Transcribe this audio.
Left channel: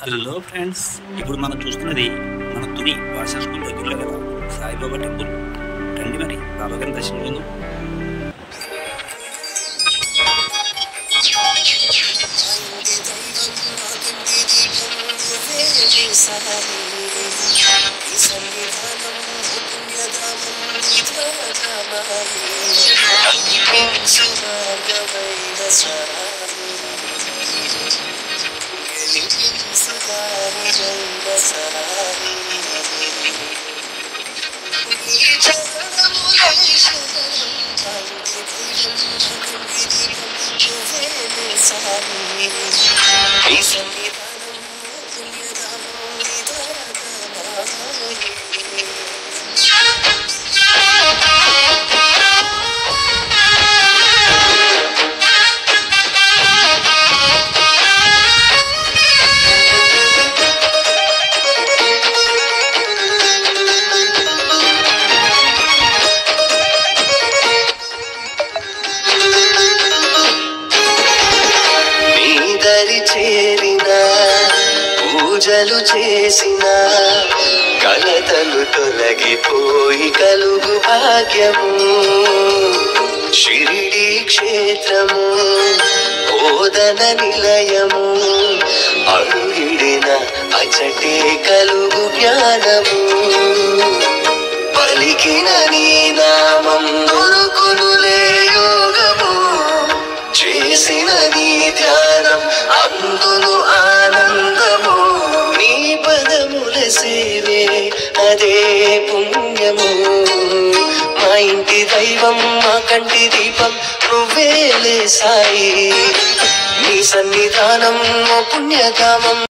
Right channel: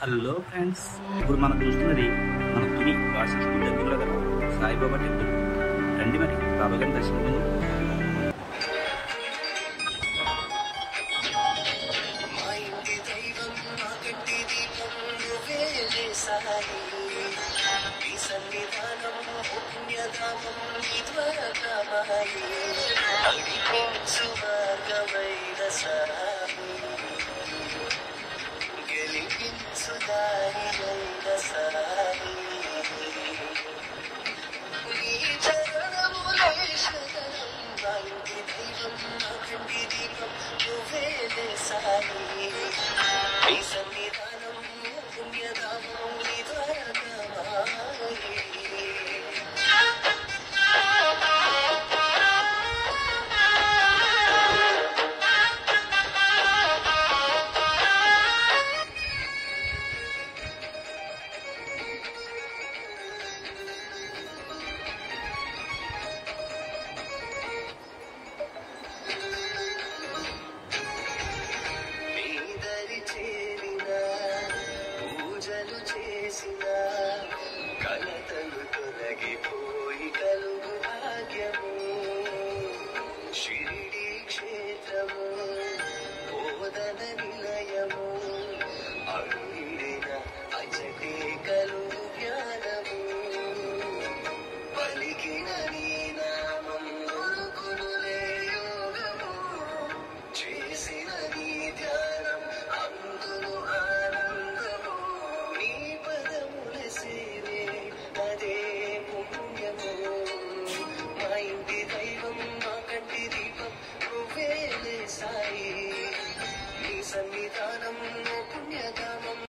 Hello friends, ఇప్పుడు మనం చూస్తున్నది మన తుని భాష స్కూల్ దగ్గరలో గల సాయిబాబా టెంపుల్. రండి మరి బాబా గారిని దర్శించుకుందాం. పూజలు చేసిన కలతలు తొలగిపోయి కలుగు భాగ్యము. షిరిడి క్షేత్రము బోధన నిలయము, అడుగిడిన అచటే కలుగు జ్ఞానము. పలికిన నీ నామం దొరుకునులే యోగము, చేసిన నీ ధ్యానం అందును ఆనందము. నీ పదముల సేవే అదే పుణ్యము. మా ఇంటి దైవం మా కంటి దీపం నువ్వేలే సాయి, నీ సన్నిధానం పుణ్యధామం.